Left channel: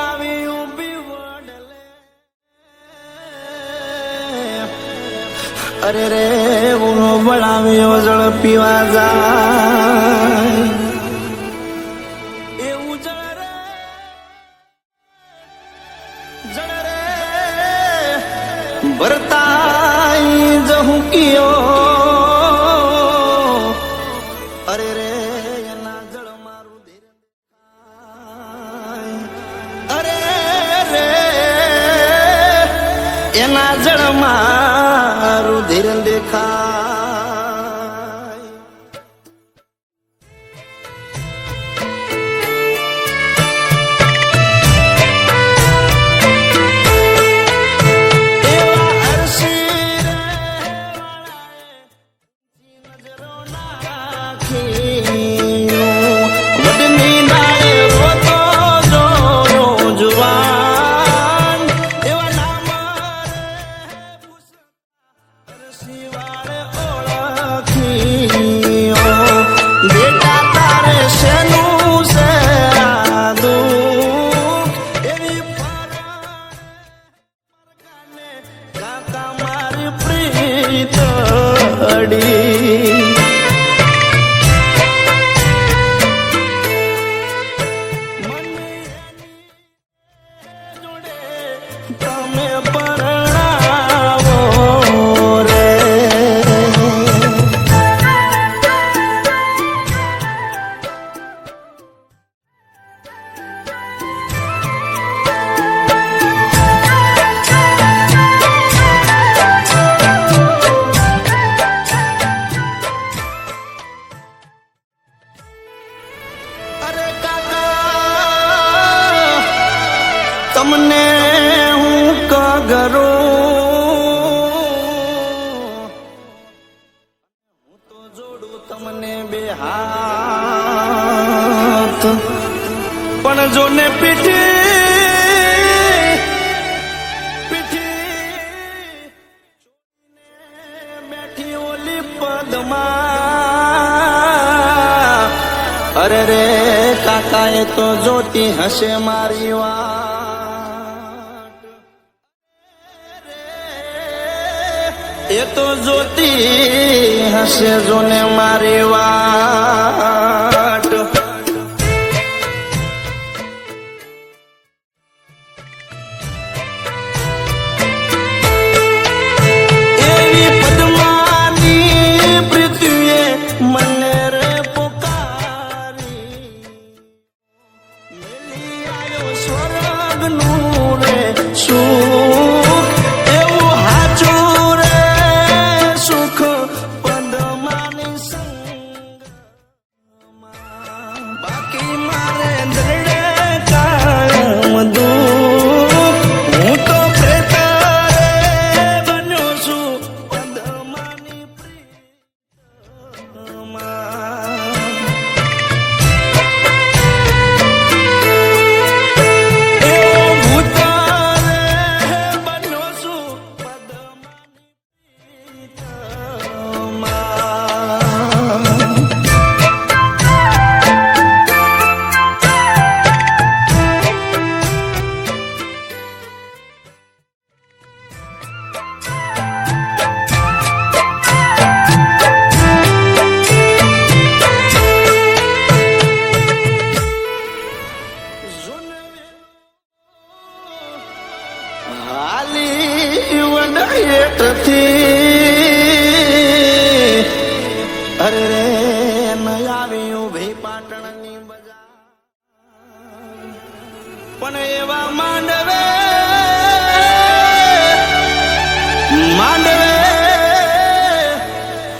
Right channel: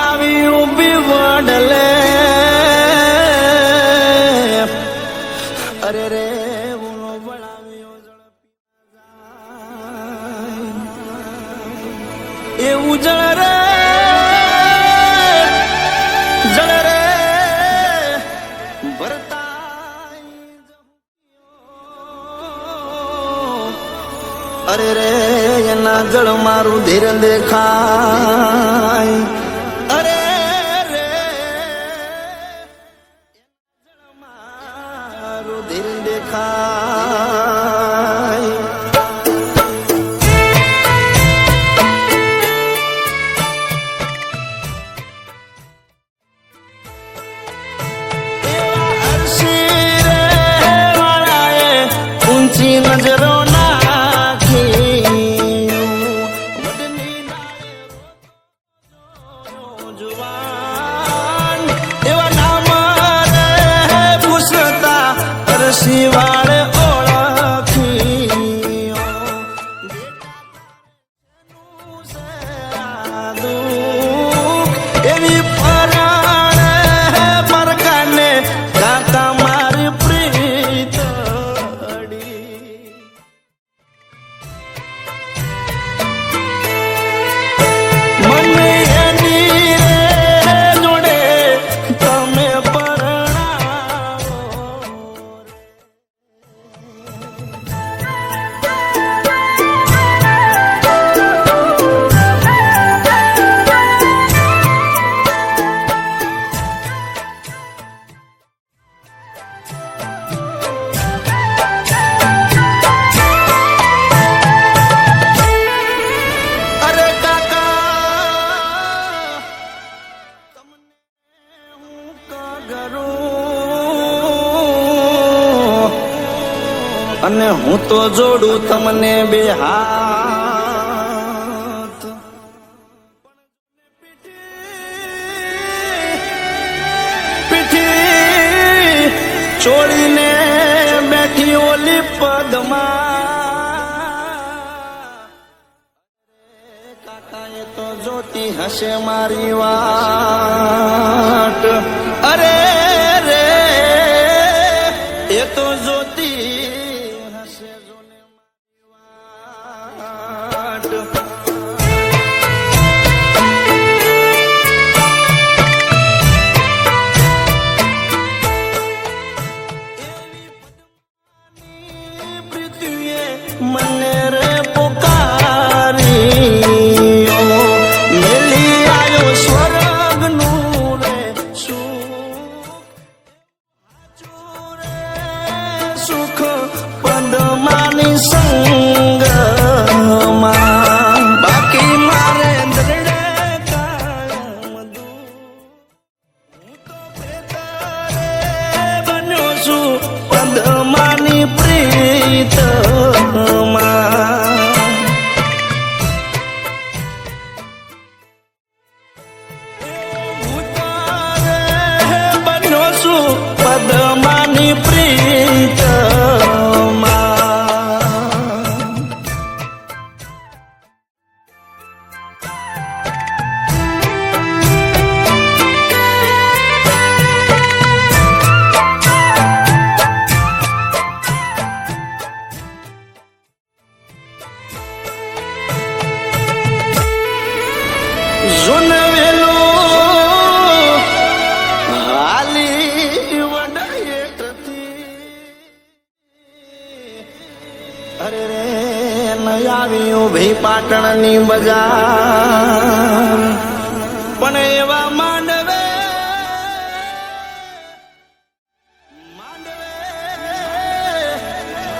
આવી ઊભી વડલે અરે રે ઉનો વળાવ્યો જળ પીવા જાય એવું જળ રે ભરતાઈ જહું કિયો અરે રે એના જળ મારું ધીર દેખાય અરે રે એના જળ મારું ધીર દેખાય શિવાળે ઓળખીઓ બેટા તારે શેનું છે દુઃખ એવી પરાણે પરકાને કાકા મારી પ્રીતડી મને એની જોડે તમે તમને હું કગરું અને હું તો જોડું તમને બે હાથ પણ જોને પીઠી છોડીને બેઠી ઓલી પદમાં અરે રે કાકાએ તો જોતી હશે મારી વાટ અરે રે એ તો જોતી હશે જોને મારી વાટ એવી પદ્માની પૃથ્વીએ મને રે અરે રે આવી ઉભી પાટણની બજાર પણ એવા માંડવે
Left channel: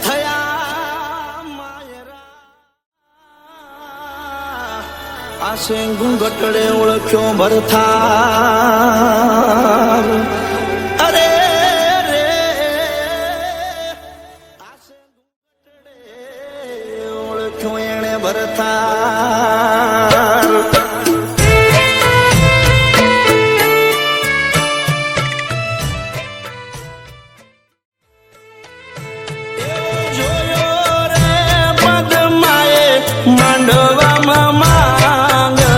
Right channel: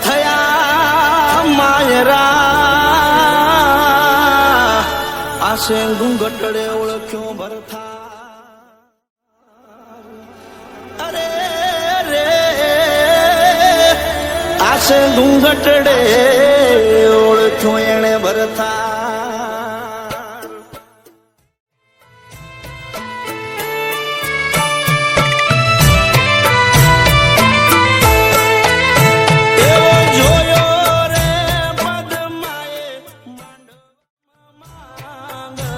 થયા માયરા આશે ઘૂંઘટડે ઓળખ્યો ભરથાર અરે રે આશે ઘૂંઘટડે ઓળખ્યો એણે ભરથાર માંડવામાં માંગડો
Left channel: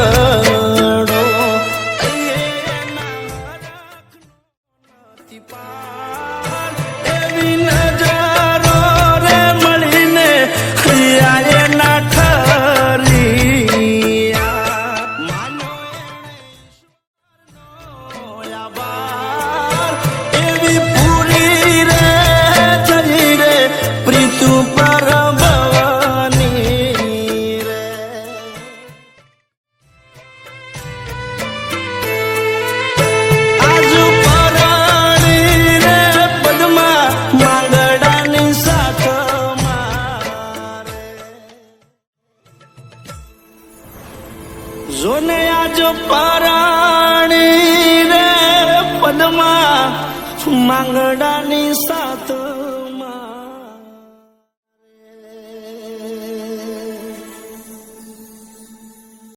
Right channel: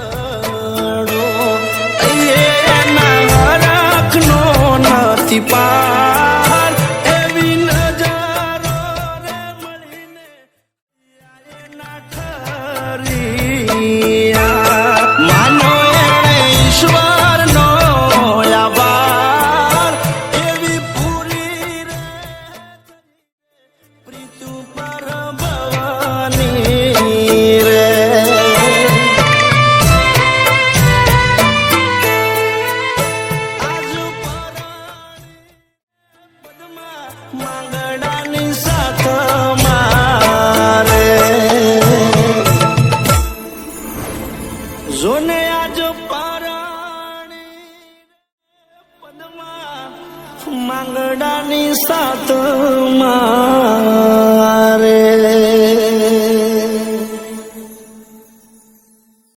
જોને આજ પારાણી રે પદમાં માંગડાની સાત મારે